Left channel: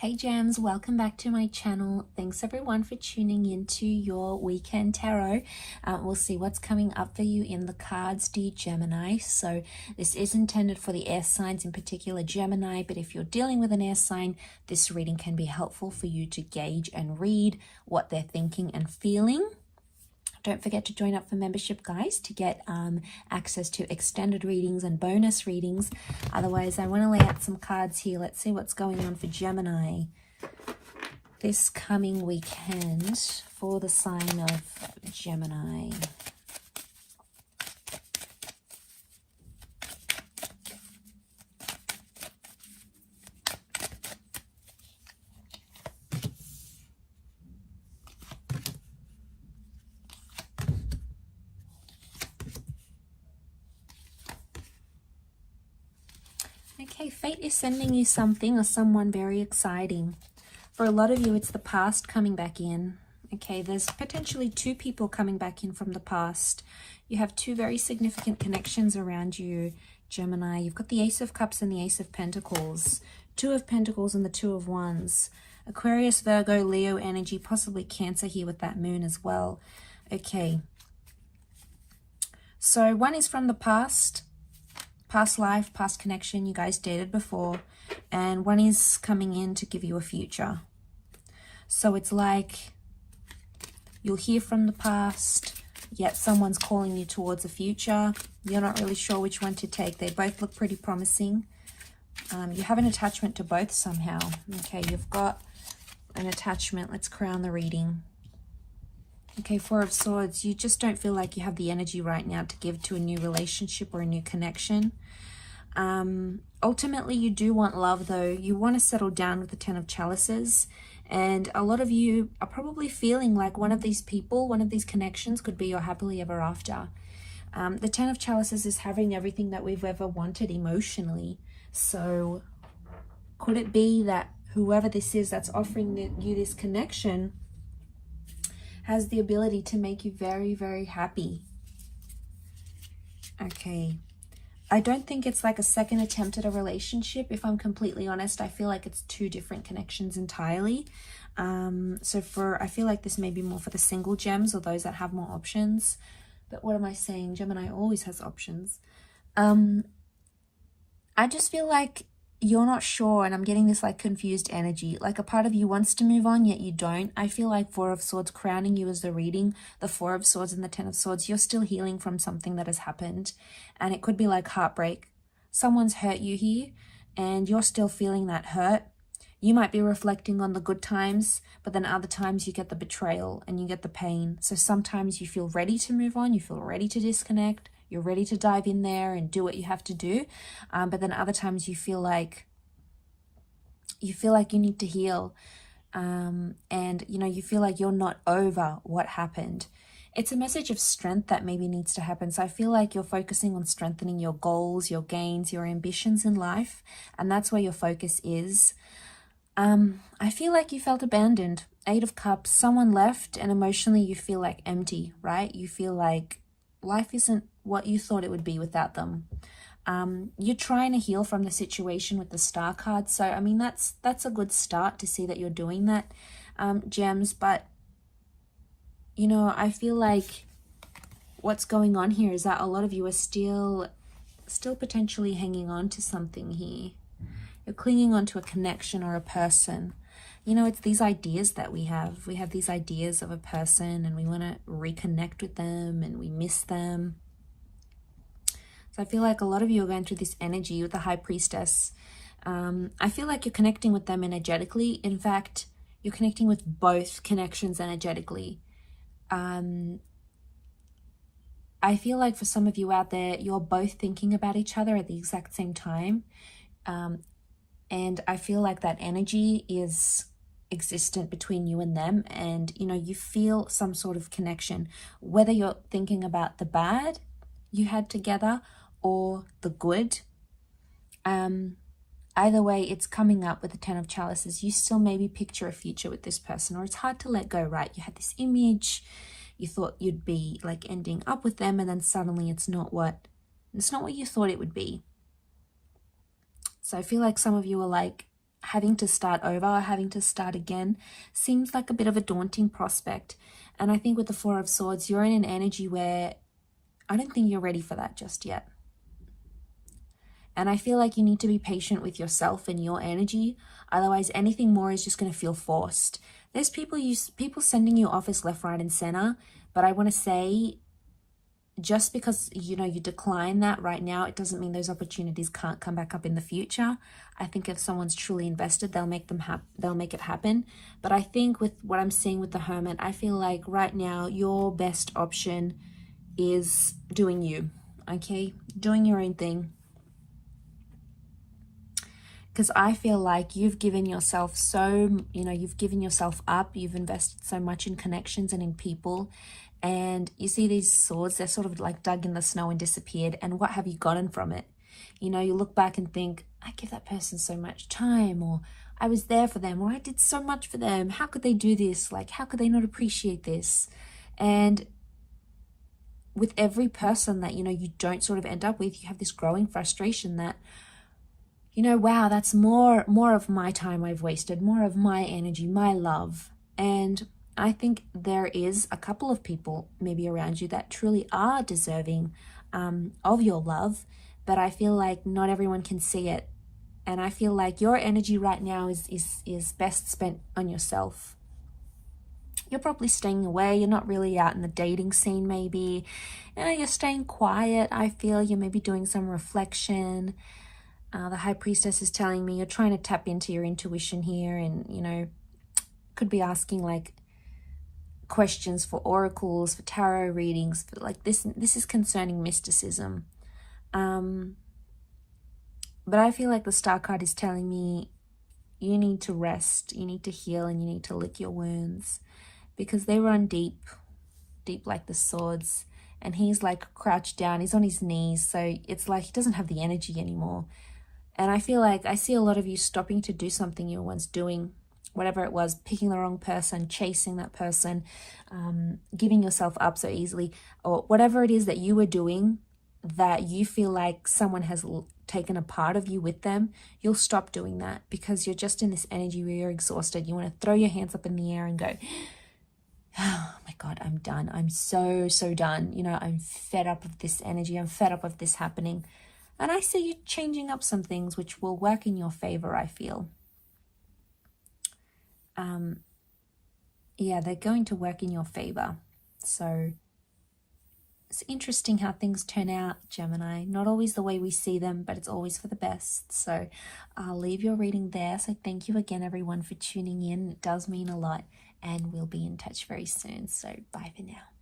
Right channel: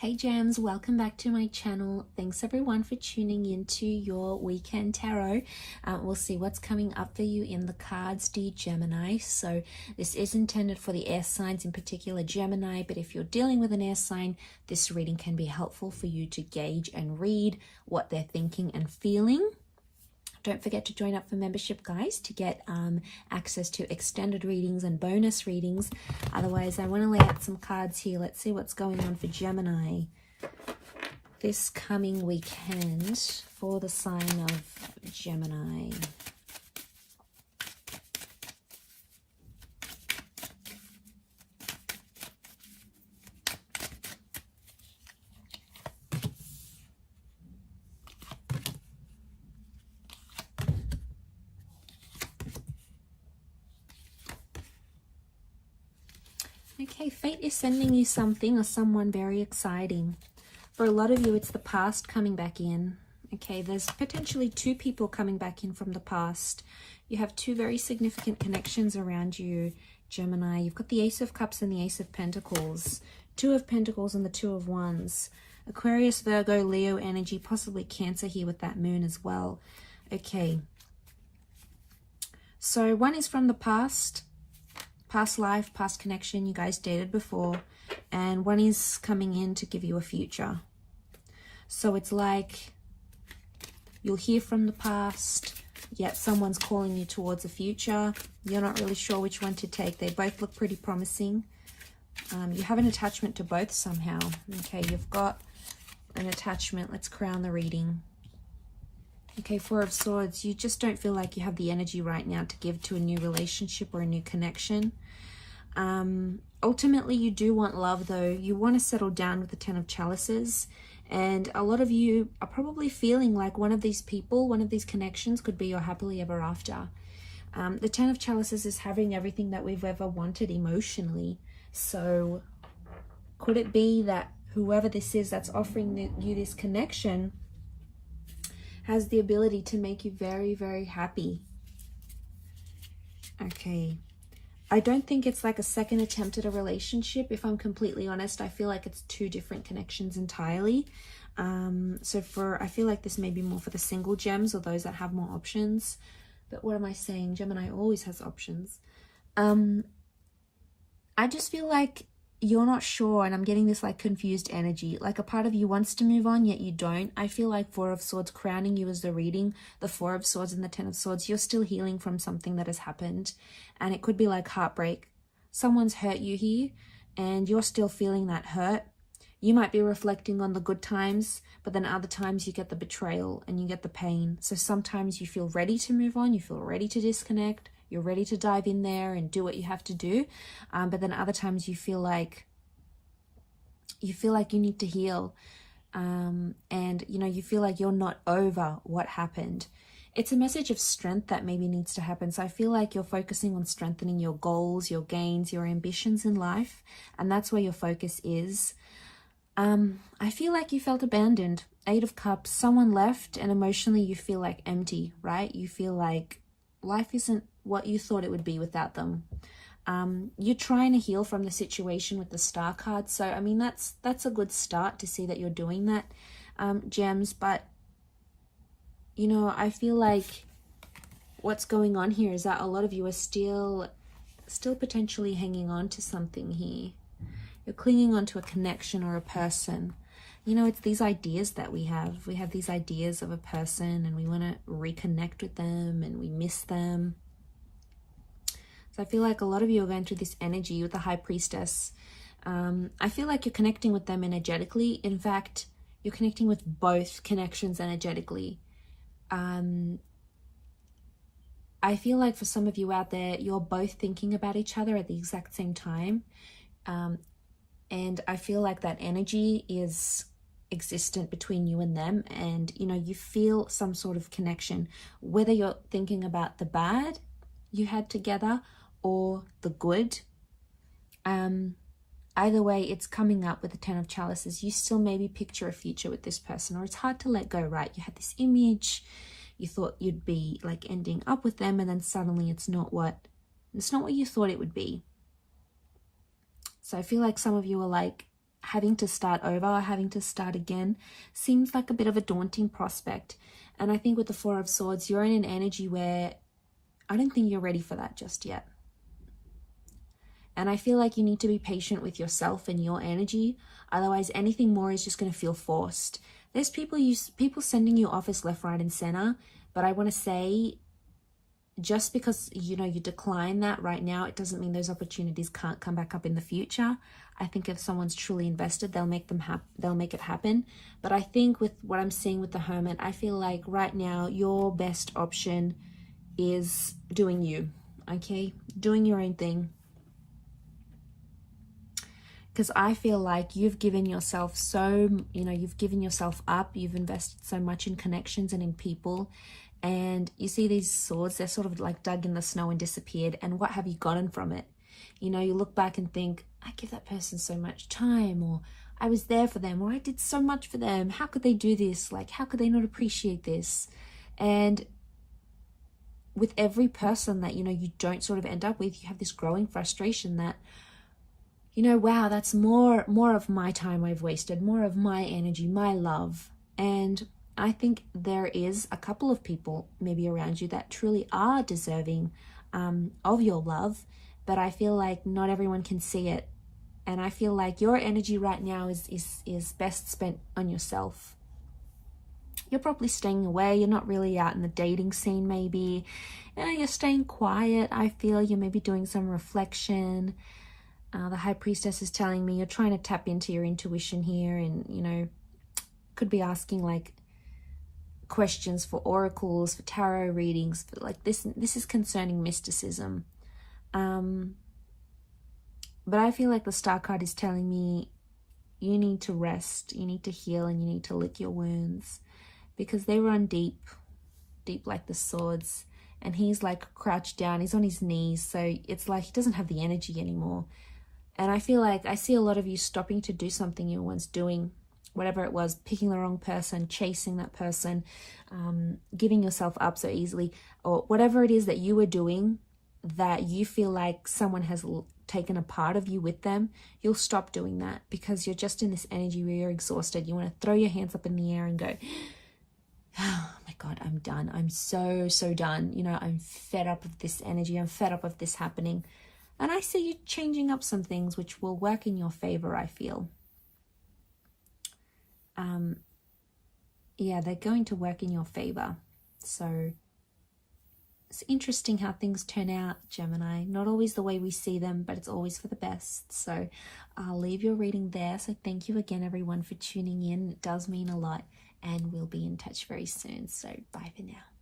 Hey Gems, welcome back to my channel. Thanks everyone for tuning into your weekend tarot. We'll see what's coming up for you in the cards, dear Gemini. So this is intended for the air signs, in particular Gemini, but if you're dealing with an air sign, this reading can be helpful for you to gauge and read what they're thinking and feeling. Don't forget to join up for membership, guys, to get access to extended readings and bonus readings. Otherwise, I want to lay out some cards here. Let's see what's going on for Gemini this coming weekend for the sign of Gemini. Okay, fate is sending you something or someone very exciting. For a lot of you, it's the past coming back in. Okay, there's potentially two people coming back in from the past. You have two very significant connections around you, Gemini. You've got the Ace of Cups and the Ace of Pentacles. Two of Pentacles and the Two of Wands. Aquarius, Virgo, Leo energy, possibly Cancer here with that moon as well. Okay. So one is from the past life, past connection, you guys dated before, and one is coming in to give you a future. So it's like you'll hear from the past, yet someone's calling you towards a future. You're not really sure which one to take. They both look pretty promising. You have an attachment to both somehow. Okay, you've got an attachment. Let's crown the reading. Okay, Four of Swords, you just don't feel like you have the energy right now to give to a new relationship or a new connection. Ultimately, you do want love, though. You want to settle down with the Ten of Chalices. And a lot of you are probably feeling like one of these people, one of these connections could be your happily ever after. The Ten of Chalices is having everything that we've ever wanted emotionally. So could it be that whoever this is that's offering you this connection has the ability to make you very, very happy? Okay. I don't think it's like a second attempt at a relationship. If I'm completely honest, I feel like it's two different connections entirely. I feel like this may be more for the single gems or those that have more options. But what am I saying? Gemini always has options. I just feel like you're not sure, and I'm getting this like confused energy. Like a part of you wants to move on, yet you don't. I feel like Four of Swords crowning you as the reading, the Four of Swords and the Ten of Swords. You're still healing from something that has happened, and it could be like heartbreak. Someone's hurt you here, and you're still feeling that hurt. You might be reflecting on the good times, but then other times you get the betrayal and you get the pain. So sometimes you feel ready to move on, you feel ready to disconnect, you're ready to dive in there and do what you have to do. But then other times you feel like you need to heal. And, you feel like you're not over what happened. It's a message of strength that maybe needs to happen. So I feel like you're focusing on strengthening your goals, your gains, your ambitions in life. And that's where your focus is. I feel like you felt abandoned. Eight of Cups, someone left, and emotionally you feel like empty, right? You feel like life isn't what you thought it would be without them. You're trying to heal from the situation with the Star card. So, I mean, that's a good start to see that you're doing that, Gems. But, I feel like what's going on here is that a lot of you are still potentially hanging on to something here. You're clinging on to a connection or a person. It's these ideas that we have. We have these ideas of a person and we want to reconnect with them and we miss them. So I feel like a lot of you are going through this energy with the High Priestess. I feel like you're connecting with them energetically. In fact, you're connecting with both connections energetically. I feel like for some of you out there, you're both thinking about each other at the exact same time. And I feel like that energy is existent between you and them, and you feel some sort of connection, whether you're thinking about the bad you had together or the good. Either way, it's coming up with the Ten of Chalices. You still maybe picture a future with this person, or it's hard to let go, right? You had this image, you thought you'd be like ending up with them, and then suddenly it's not what you thought it would be. So I feel like some of you are like having to start over or having to start again seems like a bit of a daunting prospect. And I think with the Four of Swords, you're in an energy where I don't think you're ready for that just yet. And I feel like you need to be patient with yourself and your energy. Otherwise, anything more is just going to feel forced. There's people sending you offers left, right, and center. But I want to say, just because, you know, you decline that right now, it doesn't mean those opportunities can't come back up in the future. I think if someone's truly invested, they'll make it happen. But I think with what I'm seeing with the Hermit, I feel like right now your best option is doing you, okay? Doing your own thing. Because I feel like you've given yourself you've given yourself up, you've invested so much in connections and in people, and you see these swords, they're sort of like dug in the snow and disappeared, and what have you gotten from it? You know, you look back and think, I give that person so much time, or I was there for them, or I did so much for them, how could they do this? Like, how could they not appreciate this? And with every person that, you know, you don't sort of end up with, you have this growing frustration that, you know, wow, that's more of my time I've wasted, more of my energy, my love. And I think there is a couple of people maybe around you that truly are deserving of your love, but I feel like not everyone can see it. And I feel like your energy right now is best spent on yourself. You're probably staying away. You're not really out in the dating scene maybe. You know, you're staying quiet. I feel you're maybe doing some reflection. The High Priestess is telling me you're trying to tap into your intuition here, and, you know, could be asking like questions for oracles, for tarot readings, for like this is concerning mysticism. But I feel like the Star card is telling me you need to rest, you need to heal, and you need to lick your wounds, because they run deep like the swords, and he's like crouched down, he's on his knees, so it's like he doesn't have the energy anymore. And I feel like I see a lot of you stopping to do something you were once doing, whatever it was, picking the wrong person, chasing that person, giving yourself up so easily, or whatever it is that you were doing that you feel like someone has taken a part of you with them. You'll stop doing that because you're just in this energy where you're exhausted. You want to throw your hands up in the air and go, oh my God, I'm done. I'm so done. You know, I'm fed up of this energy. I'm fed up of this happening. And I see you changing up some things which will work in your favor, I feel. Yeah, they're going to work in your favor. So it's interesting how things turn out, Gemini. Not always the way we see them, but it's always for the best. So I'll leave your reading there. So thank you again, everyone, for tuning in. It does mean a lot. And we'll be in touch very soon. So bye for now.